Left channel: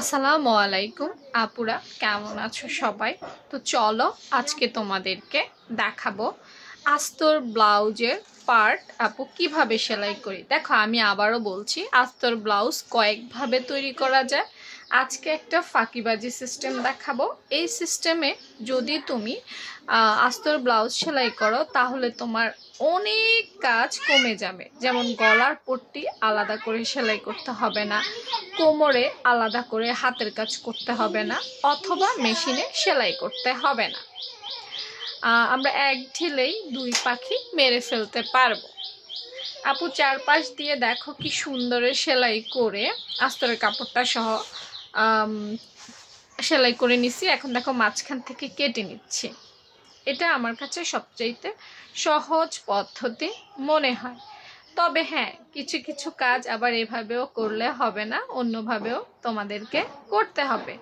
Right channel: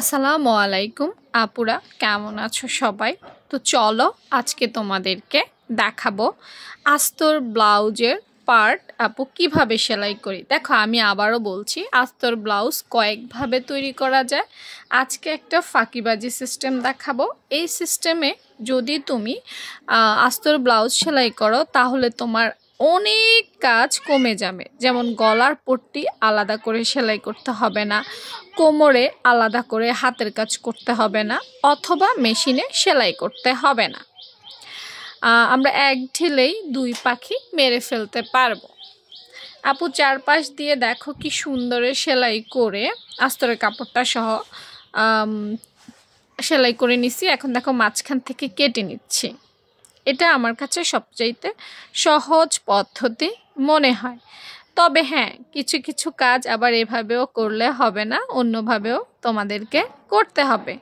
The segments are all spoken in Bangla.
আসসালামু আলাইকুম আপুরা, কেমন আছো সবাই? তো চলো আজকে তোমাদেরকে দেখাবো আস্তর ব্লাউজের পার্ট আপু কিভাবে সেলাই করি। দেখো, আমি আবারও বলছি, আস্তর ব্লাউজ কয়েকভাবে তৈরি করা যায়। আজকে একটা ফাঁকিবাজি সিস্টেম দেখাবো। এই সিস্টেমে যদি তুমি আস্তর ব্লাউজ সেলাই করো তাহলে তোমার অনেক কাজ কমে যাবে। যেমন গলার পট্টি আলাদা করে সেলাই করতে হবে না, কোমরে আলাদা করে হাতের কাজ করতে হবে না, অথবা মেশিনে সেলাই করতে হবে না। আমরা এক ঢিলেই দুই পাখি মেরে ফেলতে পারবো। আপু চারপাশ দিয়ে দেখো কি সুন্দরে সেলাই করে আস্তরের কাপড়টা সহ সেলাই করে নিছি। এখন দেখো মাঝখান থেকে কেটে নিচ্ছি। এটা আমার কাছে সবচাইতে সহজ পদ্ধতি মনে হয়। তবে হ্যাঁ, কিছু কিছু কাজ আবার এভাবেও করলে হবে না, অন্যভাবেও তোমাদেরকে করতে হবে।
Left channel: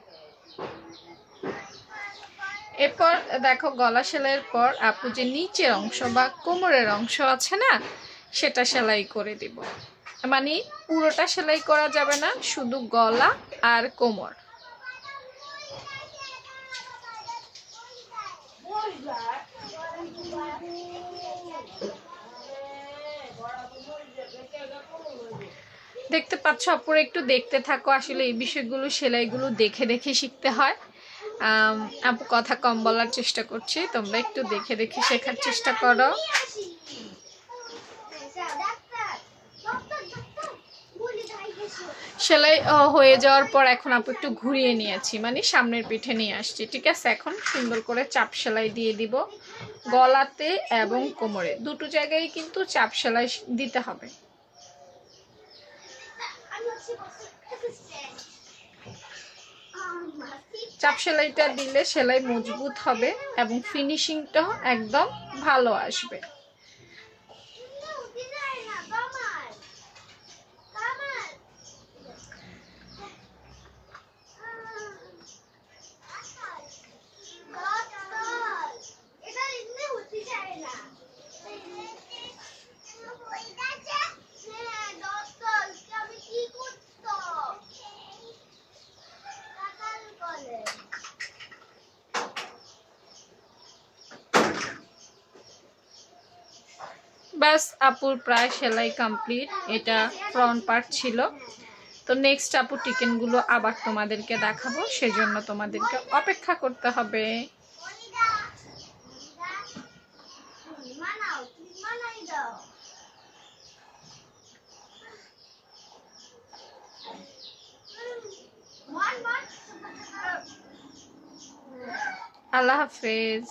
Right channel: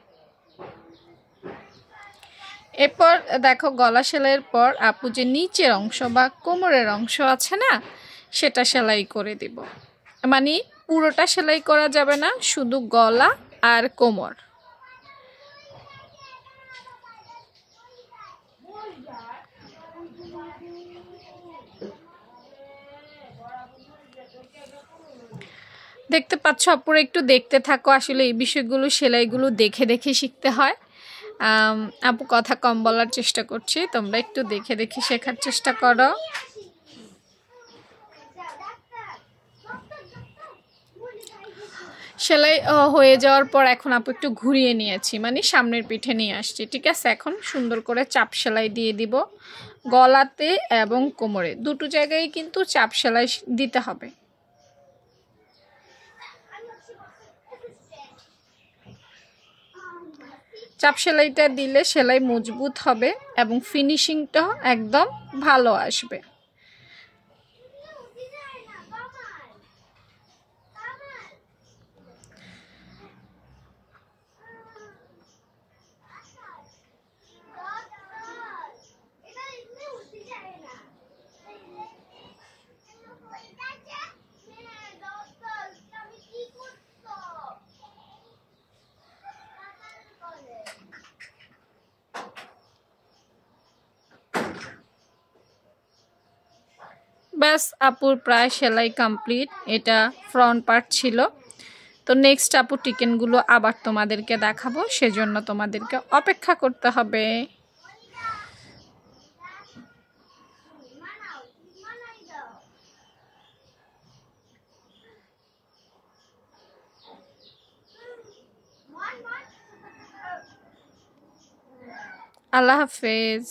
এরপর দেখো, গলা সেলাইয়ের পর আপু যে নিচের অংশ বা কোমরের অংশ আছে না, সেটা সেলাই করে দিব। মানে পুরোটা সেলাই করা যাবে না, শুধু গলা আর কোমর। দেখতে পাচ্ছ আপুরা, একটু দেখতে থাকো। আসলে এই বিষয়গুলো সেলাইগুলো দেখে দেখে শিখতে হয়। আপু কথা কম বলার চেষ্টা করছি, তোমরা একটু দেখে দেখে শেখার চেষ্টা করো। সেলাই হয়ে যাওয়ার পর এখন আপু একটু ঘুরিয়ে নিয়েছি, মানে সামনের পিঠে নিয়ে আসছি। ঠিক আছে, এখন সুন্দর করে চাপ সেলাই দিয়ে দিব। গলাতে এবং কোমরে দুটো জায়গায় কিন্তু চাপ সেলাই দিতে হবে। চাপ সেলাইটা দিলে সেলাই মজবুত হবে এবং ফিনিশিংটাও একদম ভালো আসবে। ব্যাস আপুর প্রায় সেলাই কমপ্লিট। এটা ফ্রন্ট পার্ট ছিল। তো নেক্সট আপু টিকেনগুলো আবার তোমাদেরকে দেখাবো, সেজন্য তোমাদেরকে অপেক্ষা করতে হবে। আল্লাহ হাফেজ।